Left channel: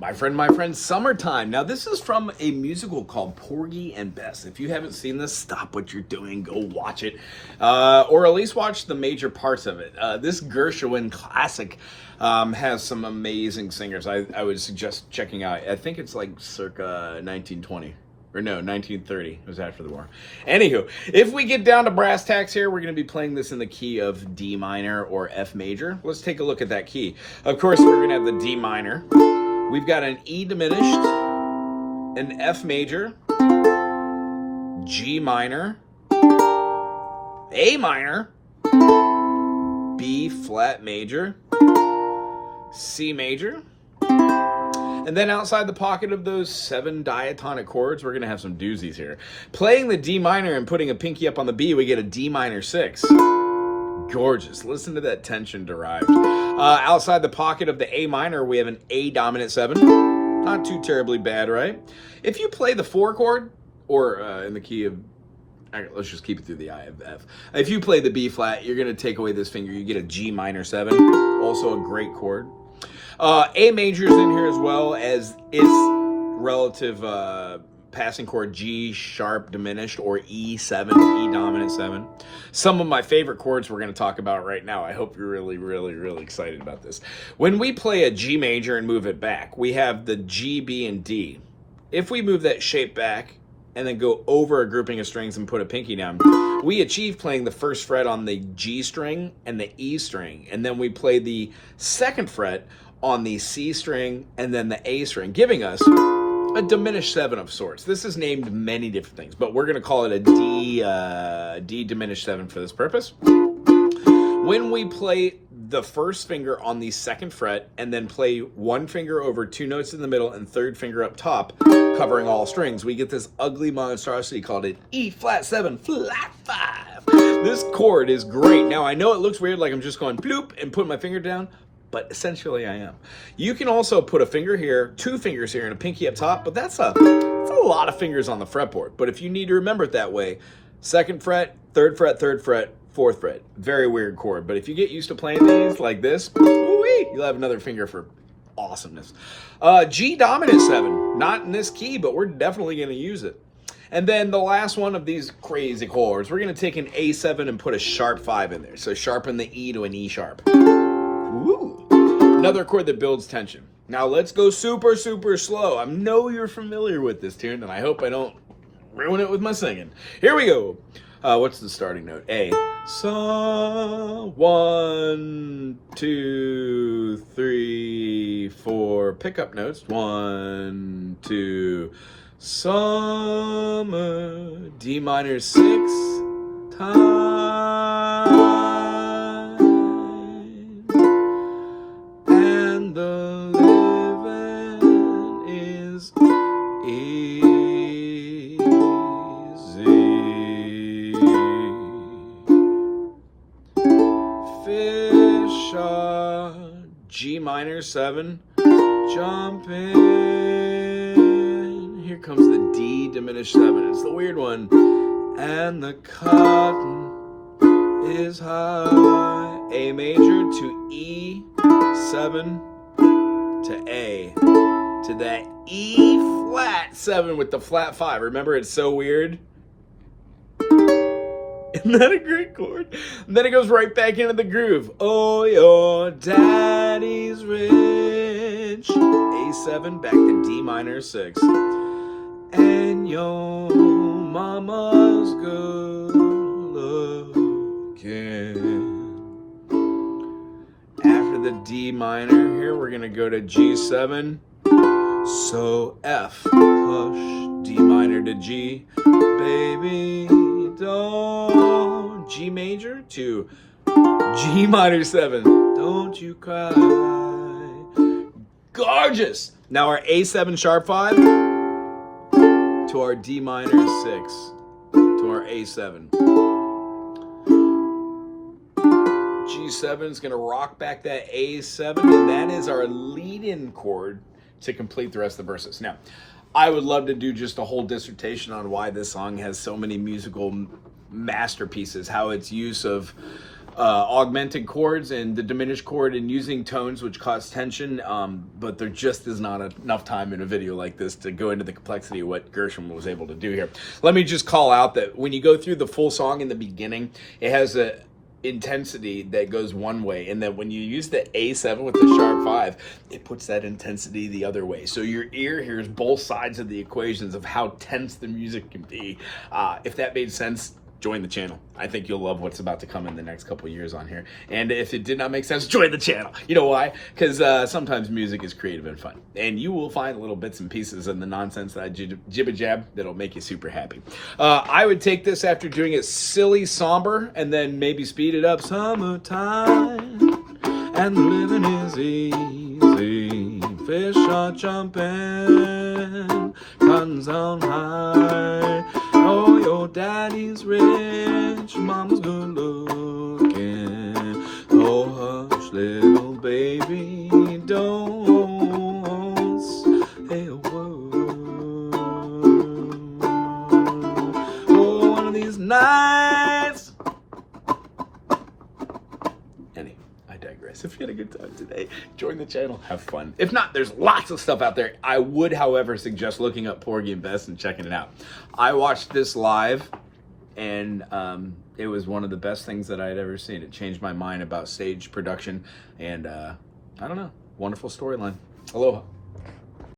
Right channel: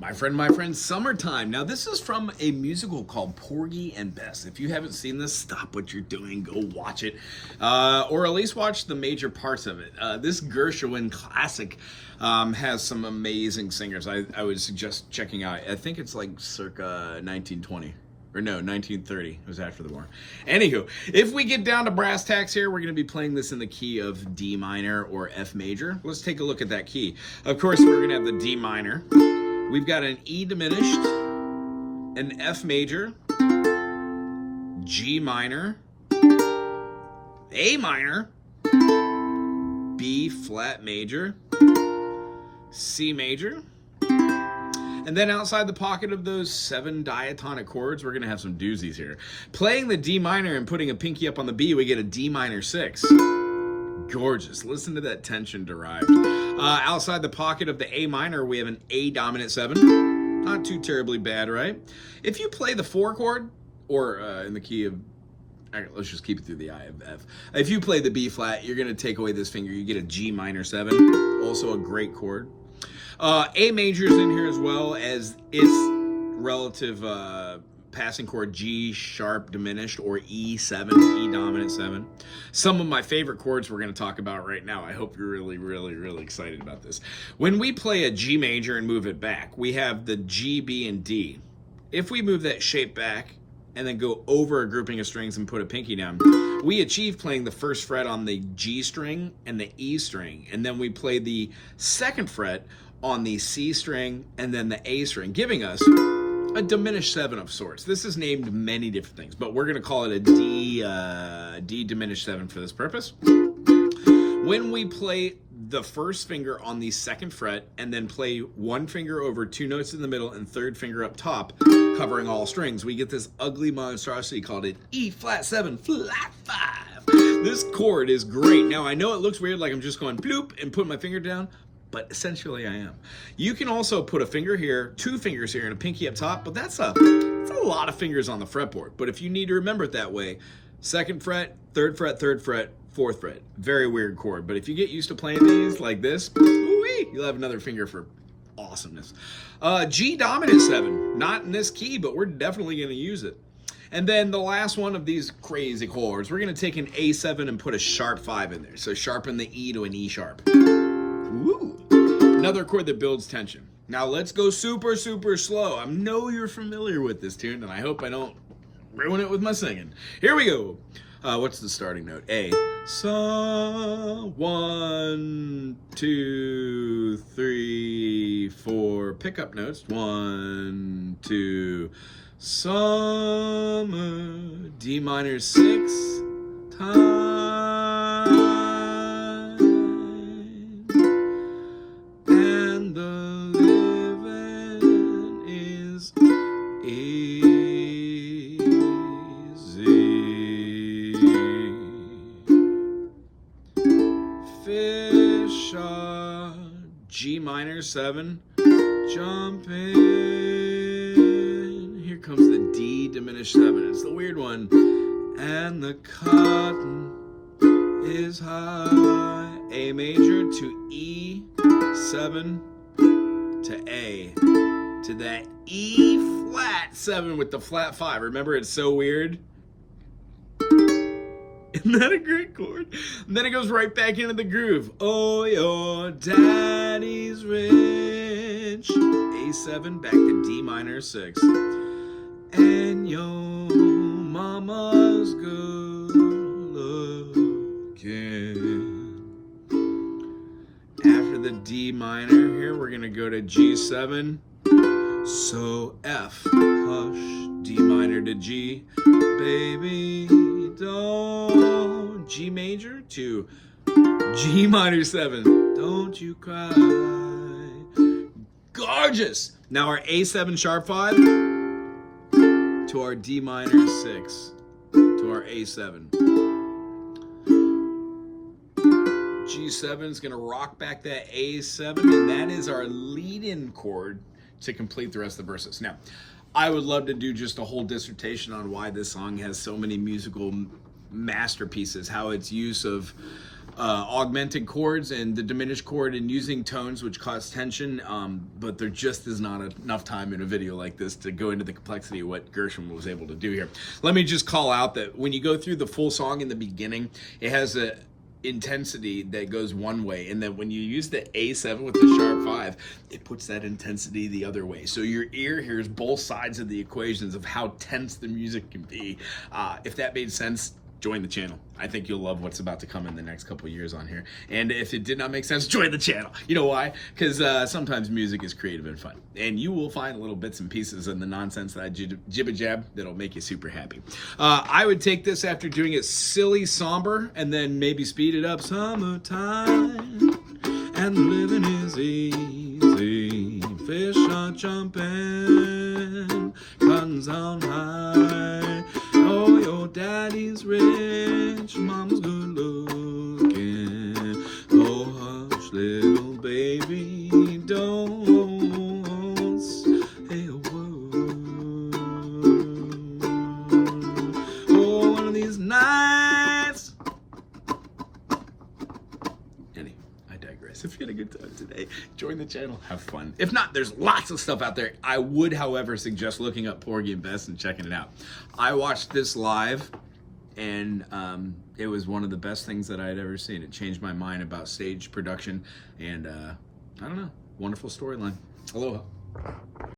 My friend, Summertime. Now, this is from a musical called Porgy and Bess. If you haven't seen this, stop what you're doing, go watch it, or at least watch the major parts of it. This Gershwin classic has some amazing singers. I would suggest checking out. I think it's like circa 1920. Or no, 1930. It was after the war. Anywho, if we get down to brass tacks here, we're going to be playing this in the key of D minor or F major. Let's take a look at that key. Of course, we're going to have the D minor. We've got an E diminished, an F major, G minor, A minor, B flat major, C major, and then outside the pocket of those 7 diatonic chords, we're going to have some doozies here. Playing the D minor and putting a pinky up on the B, we get a D minor 6. Gorgeous. Listen to that tension derived. Outside the pocket of the A minor, we have an A dominant 7. Not too terribly bad, right? If you play the 4 chord, or in the key of, let's just keep it through the I of F. If you play the B flat, you're going to take away this finger. You get a G minor 7. Also a great chord. A major's in here as well as its relative passing chord G sharp diminished or E7, E dominant 7. Some of my favorite chords we're going to talk about right now. I hope you're really excited about this. When we play a G major and move it back, we have the G, B, and D. If we move that shape back and then go over a grouping of strings and put a pinky down, we achieve playing the first fret on the G string and the E string. And then we play the second fret on the C string and then the A string, giving us a diminished 7 of sorts. This is named many different things, but we're going to call it a D diminished 7 for this purpose. When we play the first finger on the second fret and then play one finger over 2 notes in the middle and third finger up top, covering all strings, we get this ugly monstrosity called an E flat 7 flat 5. This chord is great. Now, I know it looks weird, like I'm just going bloop and putting my finger down, but essentially I am. You can also put a finger here, 2 fingers here, and a pinky up top, but that's a lot of fingers on the fretboard. But if you need to remember it that way, second fret, third fret, 4th fret. Very weird chord, but if you get used to playing these like this, ooh-wee, you'll have another finger for awesomeness. G dominant 7, not in this key, but we're definitely going to use it. And then the last one of these crazy chords, we're going to take an A7 and put a sharp 5 in there. So sharpen the E to an E sharp. Ooh. Another chord that builds tension. Now let's go super slow. I know you're familiar with this tune, and I hope I don't ruin it with my singing. Here we go. What's the starting note? A. So 1, 2, 3, 4. Pickup notes. 1, 2. Summer. D minor 6 time. And the living is easy. Fish are G minor 7, jump in. Here comes the D diminished 7. It's the weird one. And the cotton is high. A major to E, 7 to A, to that E flat 7 with the flat 5. Remember, it's so weird. Isn't that a great chord? And then it goes right back into the groove. Oh, your daddy's rich. A7 back to D minor 6. And your mama's good looking. After the D minor here, we're going to go to G7. So F, hush, D minor to G. Baby, don't. G major to G minor 7. Don't you cry. Gorgeous. Now our A7 sharp 5 to our D minor 6 to our A7. G7 is going to rock back that A7, and that is our lead-in chord to complete the rest of the verses. Now, I would love to do just a whole dissertation on why this song has so many musical masterpieces, how its use of augmented chords and the diminished chord and using tones which cause tension, but there just is not enough time in a video like this to go into the complexity of what Gershwin was able to do here. Let me just call out that when you go through the full song in the beginning, it has a intensity that goes one way, and then when you use the A7 with the sharp 5, it puts that intensity the other way, so your ear hears both sides of the equations of how tense the music can be. If that made sense, join the channel. I think you'll love what's about to come in the next couple of years on here. And if it did not make sense, join the channel. You know why? Because sometimes music is creative and fun, and you will find little bits and pieces in the nonsense that I jibba-jab that'll make you super happy. I would take this after doing it silly, somber, and then maybe speed it up. Summertime, and the living is easy. Fish are jumping, cotton's on high. Oh, your daddy's rich, mama's good looking. Oh, hush, little baby, don't say a word. Oh, one of these nights. Anyway, I digress. If you had a good time today, join the channel, have fun. If not, there's lots of stuff out there. I would, however, suggest looking up Porgy and Bess and checking it out. I watched this live, and it was one of the best things that I had ever seen. It changed my mind about stage production, and I don't know, wonderful storyline. Aloha.